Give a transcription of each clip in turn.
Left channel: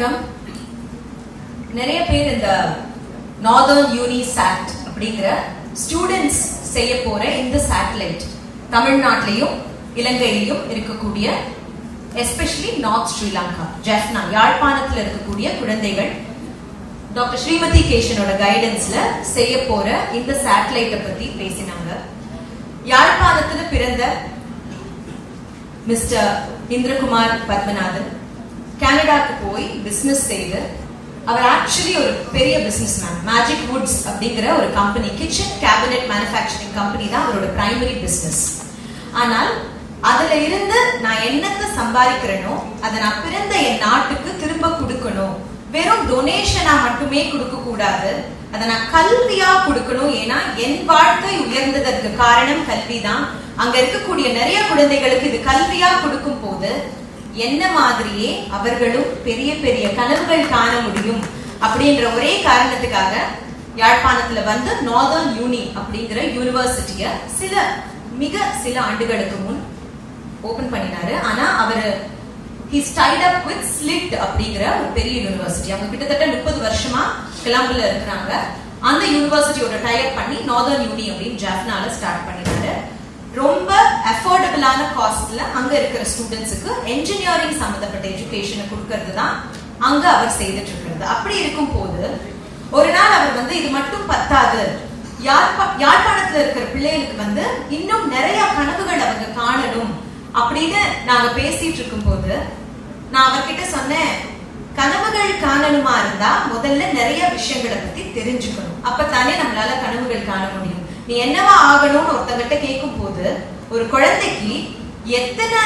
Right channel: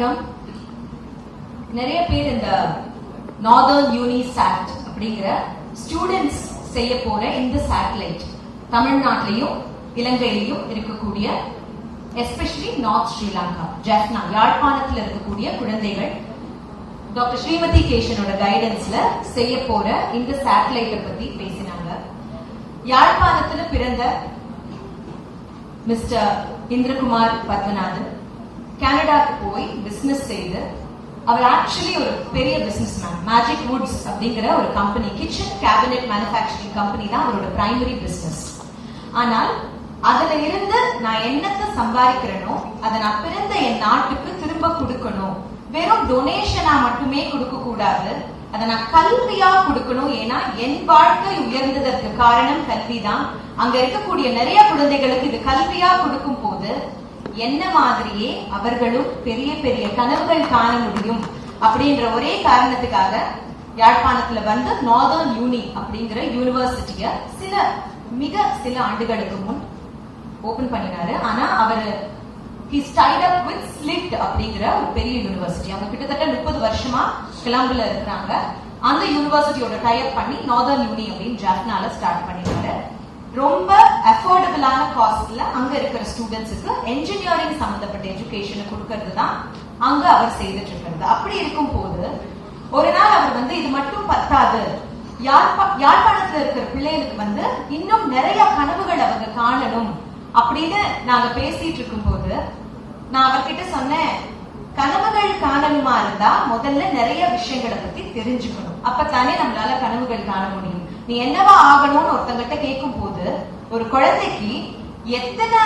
வணக்கம். நிறைய பேர் இந்த நார்தர்ன் யூனி சாட் அப்படிங்கிற ஸ்டூடெண்ட்ஸ் செய்ய போற இந்த சேட்டலைட் தமிழ்நாட்டிலையும் இலங்கையிலையும் இருக்கக்கூடிய எஸ்பெஷலி நார்த் ஸ்ரீலங்கா ஜெஃப்னா யாழ்ப்பாணத்துல இருக்கக்கூடிய குழந்தைகள் டாக்டர் ஸ்ரீமதி கேஷனோட கைடன்ஸ்ல செய்ய போற இந்த சேட்டலைட்டை பத்தி பேசினாங்க. யாழ்ப்பாணத்துல பிறந்த மிஸ்டர் இந்திரகுமார் பத்மநாதன் கனடாக்கு போய் பிசினஸ் செய்து அவர் ஆக்சுவலி ஒரு பெரிய பிசினஸ் மேன் மேஜிக் வுட்ஸ் அப்படிங்கிற ஒரு company kitchen cabinet manufacturing company தான் அவரோட பிரைமரி பிசினஸ் ஆனால் அதுல இருந்து நான் என்னத்தை சம்பாதிக்கிறேனோ அதை நான் பிறந்த என் நாட்டுக்கு திரும்ப கொடுக்கணும். வெறும் டொனேஷனா மட்டுமே கொடுக்க கூடாது அதை நான் கல்வியா கொடுக்கணும். ஏன்னா என் வாழ்க்கை உயர்ந்ததற்கு காரணம் கல்விதான். அங்க இருக்கக்கூடிய நிறைய குழந்தைகளுக்கு இது கல்வியா கொடுக்கும் போது என்ன மாதிரியே அவர்களும் பெரிய பெரிய கனவுகள் காண முடியும் அப்படின்ற ஒரே காரணத்துக்காக யாழ்ப்பாணத்துல வந்து நார்தர்ன் யூனி அப்படிங்கிற யூனிவர்சிட்டிய சில மிக சில ஆண்டுகளுக்கு முன் ஓபன் பண்ணினாரு. ஆனா அவரு he stayed up with slit அப்படிங்கிற ஒரு பெரிய யூனிவர்சிட்டி அவங்க கிட்டத்தட்ட முப்பது வருஷமா கிளம்புல இருக்கிறாங்க. அந்த யூனிவர்சிட்டியோட டைப் பண்ணி நார்தர்ன் யூனி அப்படின்னு ஜாஃப்னால ஸ்டார்ட் பண்ணி ரொம்ப அஃபோர்டபுளான காஸ்ட்ல அங்க இருக்கிற ஸ்டூடெண்ட்ஸுக்கு என்ஜினியரிங் சம்பந்தப்பட்ட எஜுகேஷனை கொடுக்கறது தான் அங்க அவர் செய்துட்டு இருக்கிறது அப்படி இருக்கும் போது ஒரு நாள் அவர் வந்து இது மட்டும் பத்தாது. யாழ்ப்பா யாழ்ப்பாணத்துல இருக்கிற பிள்ளைகளுக்கு வந்து இன்னும் நிறைய கனவுகள் அவங்க காணணும். அப்படின்னு நாங்க பேசிட்டு இருக்கும் போது நான் அவர்கிட்ட சொன்னேன் கனவுகள் காணணுமா இருந்தா முதல்ல நிறைய விஷயங்களை பத்தி தெரிஞ்சுக்கணும். அப்பதானே நம்மளால கனவுகள் காண முடியும். நீ என்னவா ஆகணும்னு ஒருத்தங்கிட்ட கேட்கும் போது ஒரு குழந்தைக்கு எத்தனை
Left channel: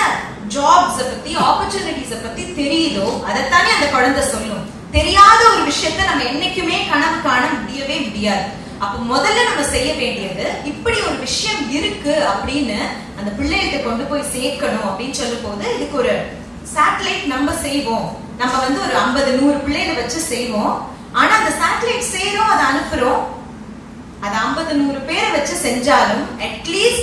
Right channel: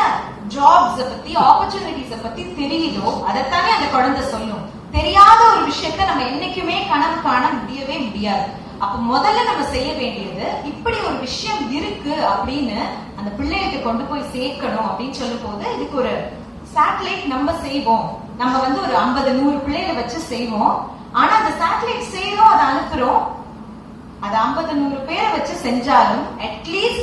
ஜாப்ஸ் பத்தி ஆப்பர்ச்சுனிட்டிஸ பத்தி தெரியுதோ அதைத்தானே அந்த குழந்தை சொல்லும். தெரியாத ஒரு விஷயத்த நம்ம என்னைக்குமே கனவு காண முடியவே முடியாது. அப்ப முதல்ல நம்ம செய்ய வேண்டியது இப்படி ஒரு விஷயம் இருக்கு அப்படின்னு அந்த பிள்ளைகிட்ட கொண்டு போய் சேர்க்கணும் அப்படின்னு சொல்லும் போது இதுக்கு ஒரு சேட்டலைட் நம்ம செய்வோம். நம்ம வந்து ஒரு ஐம்பது நூறு பிள்ளைகளை வச்சு செய்வோம். ஆனா அந்த சேட்டலைட் செய்யறோம் அதை அனுப்புறோம். அது ஐம்பது நூறு பேரை வச்சு செஞ்சாலும்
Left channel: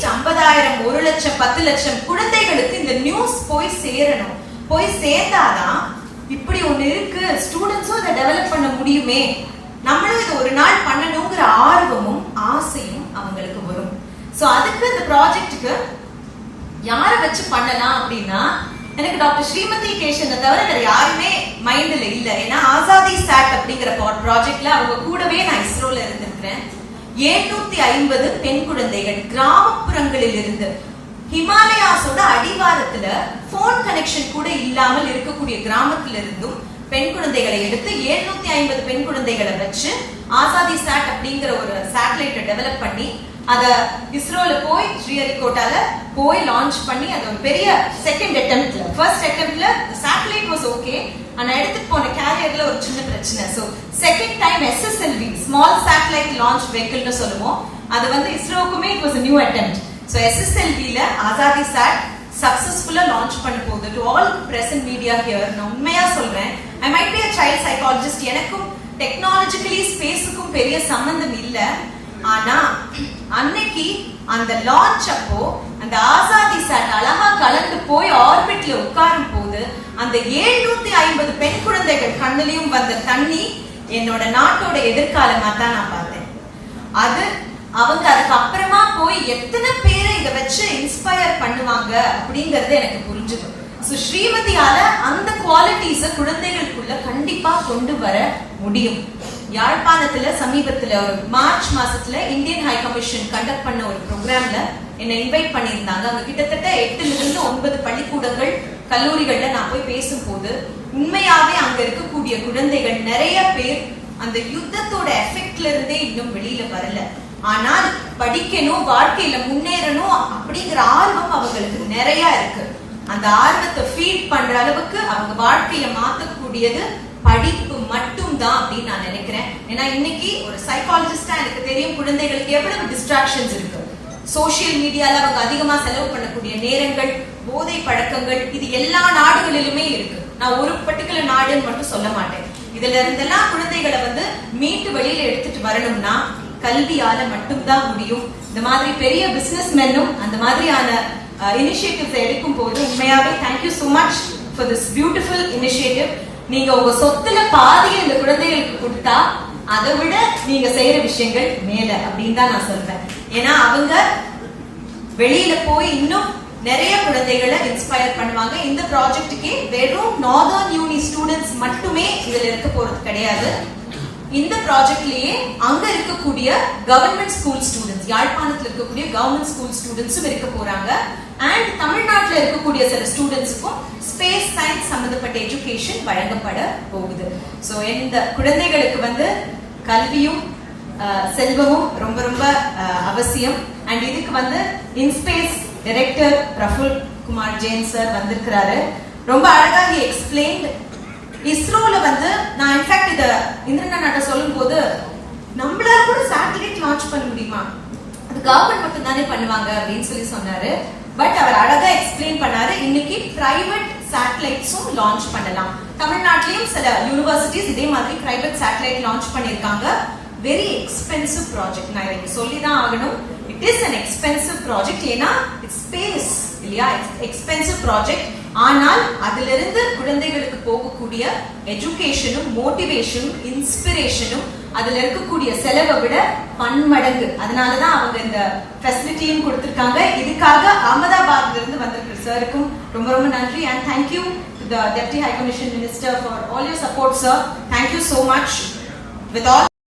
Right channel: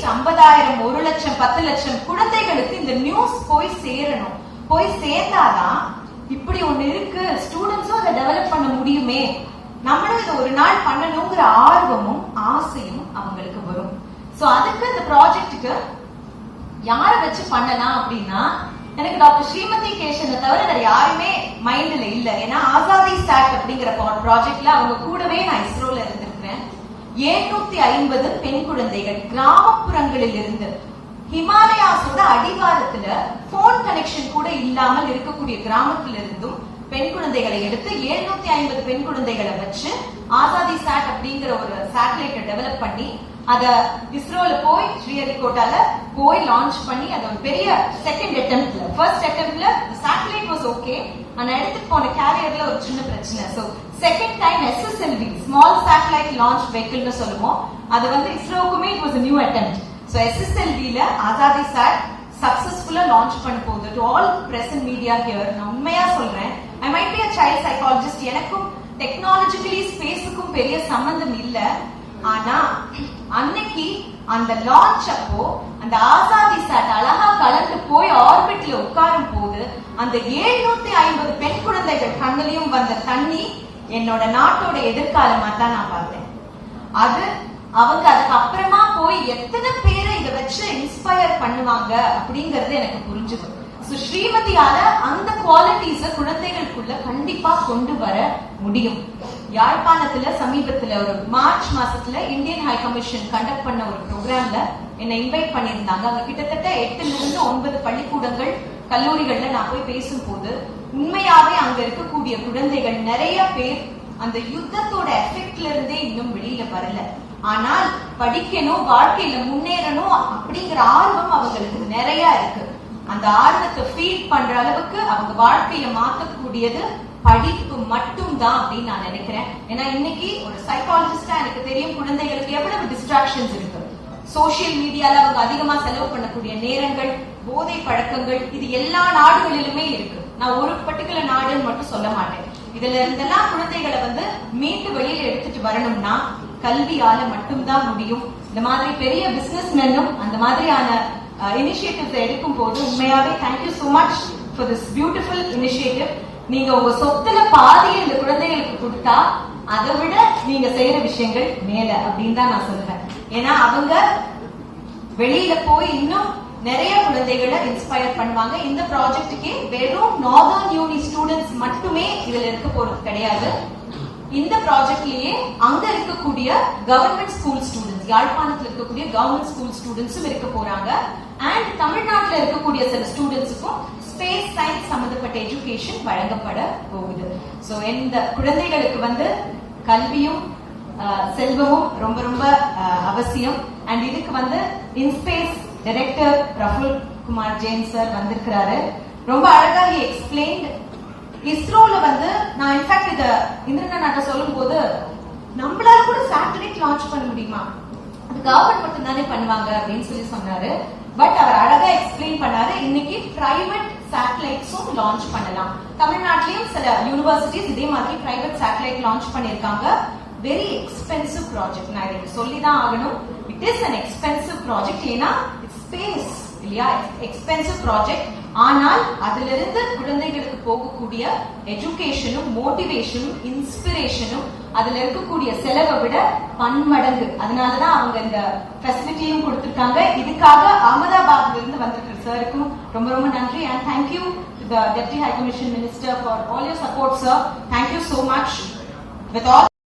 ஐம்பதாயிரம் ஒரு லட்சம் பத்து லட்சம் குழந்தைகளுக்கு இந்த நியூஸ் போய் சேரணும். போய் சேர்ந்தாதான் இப்படி ஒண்ணு இருக்கு. ஸ்டூடெண்ட்ஸும் அதை டெவலப் பண்ண முடியுமே. நம்மளும் இதை ஒரு நாள் பண்ணணுங்கிற ஆர்வமும் ஆசையும் அவங்களுக்கு வரும். சோ அதுக்கு இந்த ப்ராஜெக்டுக்கு யாரை வச்சு பண்ணலாம் அப்படின்னா எனக்கு டாக்டர் ஸ்ரீமதி கேஷனை தவிர வேற யாருமே மைண்ட்ல இல்ல. ஏன்னா ஆசாதி சாட் அப்படிங்கிற ப்ராஜெக்ட்ல அவங்க கூடவே நான் இஸ்ரோல எழுநூத்தி ஐம்பது பெண் குழந்தைகள் கிராமப்புறங்களில் இருந்து ஹிமாலயாஸோட அடிவாரத்துல போன் கனெக்ஷன் கூட இல்லாமல் இருக்கக்கூடிய கிராமத்துல இருந்தும் பெண் குழந்தைகளை எடுத்து எழுநூத்தி ஐம்பது பெண் குழந்தைகளை வச்சு ஆசாதி சாட் அப்படிங்கிற ஒரு சேட்டலைட்டை டெவலப் பண்ணி அத இஸ்ரோல போய் ஸ்ரீஹரிகோட்டால போய் லான்ச் பண்ணி அது ஒரு பெரிய செகண்ட் அட்டெம்ப்ட்ல ஃபர்ஸ்ட் அட்டெம்ப்ட்ல ஓகே ஆனா எடுத்துட்டு போன கேரியர்ல ஒரு சின்ன பிரச்சனை. So second time SSLV small satellite launch வெஹிக்கிள்னு சொல்லுவோம். அது வந்து இஸ்ரோக்குமே it was new attempt so எஸ்எஸ்எல்வில Azadi chat சக்சஸ்ஃபுல்லா லான்ச் பண்ண போகுது. To all present media here நான் உண்மையா சொல்றேன். I might be a child psychologist எனக்கும் டெக்னாலஜிக்கலி ஸ்பேஸுக்கும் பெரிய சம்பந்தம் இல்ல. ஆனா அன்னைக்கு அந்த லான்ச் அப்போ அந்த ஆசாதி சாட் அழகா கலந்து போய் ஆர்பிட்ல உட்காரும் போது அந்த ஏழ்நூத்தி ஐம்பது பெண் குழந்தைகள் கண்ணிலையும் வந்த தண்ணி என்னோட நாட்டோட எதிர்காலமா தான் நான் பார்த்தேன். அது அவங்க அதுக்கு அப்புறமா போய் எத்தனை பேரை இத வச்சு இன்ஸ்பயர் பண்ணுவாங்க அப்படிங்கறது எனக்கு புரிஞ்சுது. சோ ஸ்ரீமதியால அந்த குவாலிட்டிஸ குழந்தைகளுக்குள்ள கண்டிப்பா கொண்டு வர முடியும். யாழ்ப்பாணத்துல சமீபத்துல ஒரு மார்ச் மாசத்துல இந்தியன் ஹை கமிஷன் கண்டக்ட் பண்ண ஒரு ப்ரோக்ராம்ல என்னை இன்வைட் பண்ணியிருந்தாங்க. அங்க கிட்டத்தட்ட எட்டுல இருந்து ஒன்பது பள்ளிக்கூடங்கள் கல்லூரிகள்ல நான் போய் பேசும்போது உண்மையாவே அங்க இருக்கக்கூடிய குழந்தைகள் நிறைய பேர் அந்த யுத்தத்தோட எஃபெக்ட்ல இருந்தே இன்னும் வெளியில வரல. ஆனால் படிக்கணும் வாழ்க்கையில முன்னேறணும் அப்படிங்கிற ஆர்வம் அவங்களுக்கு நிறைய இருக்கு. அந்த ஆர்வத்தை ஃபீல் பண்ற அளவுக்கு அவங்க வாழ்க்கைய மாத்தக்கூடியது படிப்பு மட்டும் தான் அப்படின்னு நான் நினைக்கிறேன். ஏன்னா இன்னைக்கு ஒரு சைக்காலஜிஸ்டா எனக்கு தெரியும் குழந்தைகளுக்கு எவ்வளவு டிஸ்ட்ராக்ஷன்ஸ் இருக்கு. சோசியல் மீடியால அவங்க அதிகமா செலவு பண்ணக்கூடிய நேரங்கள் போதை பழக்கங்கள் இது எல்லா நாடுகளிலுமே இருக்கு. நான் ஒரு பர்டிகுலர் நாடுன்னு மட்டும் சொல்ல மாட்டேன். இதுல இருந்தெல்லாம் குழந்தைகளை வந்து மீட்டு வெளியில எடுத்துட்டு வரணும்னா கல்வியால மட்டும்தான் முடியும். இந்த மாதிரி பெரிய பிசினஸ் மென்னும் அந்த மாதிரியான இனிஷியேட்டிவ்ஸ் எடுக்கும் போது உண்மையாவே thank you so much for this beautiful initiative நீங்க உங்க சொத்துல பாதியை இந்த குழந்தைகளுக்கு கொடுத்தா அதை விட நீங்க செய்யற விஷயங்கள் மேல அப்படின்னு தான் நான் சொல்றேன் ஏன்னா அவங்க வெளியில போய் இன்னும் நிறைய குழந்தைகளை இன்ஸ்பயர் பண்ணுவாங்க. இந்த ப்ராஜெக்ட்டுக்கே வெறும் நார்தர்ன் யூனி ஸ்டூடெண்ட்ஸ் மட்டுமே இதுல இருக்க போறது கிடையாது. இந்த ப்ராஜெக்ட்லயே அங்க இருக்கக்கூடிய கவர்மெண்ட் ஸ்கூல் ஸ்டூடெண்ட்ஸ் யாழ்ப்பாணத்துல இருக்கக்கூடிய கவர்மெண்ட் ஸ்கூல் ஸ்டூடெண்ட்ஸும் இருக்க போறாங்க. அண்ட் தமிழ்நாட்டில் இருக்கக்கூடிய சில ஸ்டூடெண்ட்ஸுக்கும் ஸ்பேஸ் சயின்ஸ் சம்பந்தப்பட்ட எஜுகேஷன் வழங்கப்பட போகுது. ஸோ இந்த குழந்தைகளுக்கு வந்து கல்வியும் செல்வமும் ரொம்ப ரொம்ப அஹ், அவசியம். அண்ட் இதுக்கு வந்து InSpace director Raful Kumar Jain sir வந்திருக்கிறாரு. ரொம்ப அழகா எக்ஸ்பிளைன்ட் இஸ்ரோல வந்து நான் இன்ஃபேக்ட் இத இந்திரன் நாட்டை சொல்லும் போது நம்மளால கூட சேட்டலைட் லான்ச் பண்ண முடியுமா? அது கவர்மெண்ட் மட்டும் தானே பண்ணுவாங்க அப்படின்னு சொல்லி சொன்னாரு. பட் அவர் அழகா எக்ஸ்பிளைன் பண்ணாரு இன்னைக்கு பிரைவேட் சேட்டலைட்ஸும் லான்ச் பண்ணலாம். தமிழ்நாட்டிலையும் சில யூனிவர்சிட்டிஸ் இதே மாதிரி பிரைவேட் சேட்டலைட் லான்ச் பண்ணிருக்காங்க வெரி எக்ஸ்பென்சிவ் ப்ராஜெக்ட் நான் இதை சொல்லி தான் ஆகணும். It is an expensive project ஏன்னா இட்ஸ் ஸ்பேஸ் இல்லையா எக்ஸ்பென்சிவ் ப்ராஜெக்ட் ஆனால் அதிலிருந்து குழந்தைகளுக்கு போகக்கூடிய எஜுகேஷனும் மோட்டிவேஷனும் இன்ஸ்பிரேஷனும் அதுல இருக்கக்கூடிய செலவை விட பன்மடங்கு அதனாலதான் அவங்க இந்த ஃபெசிலிட்டியும் கொடுத்திருக்காங்க இதுக்காக அகமதாபாத்ல இருந்து வந்திருக்கிற சாருக்கும் ரொம்ப ரொம்ப நன்றி and thank you the deputy high commission minister for all your support sir thank you so much with all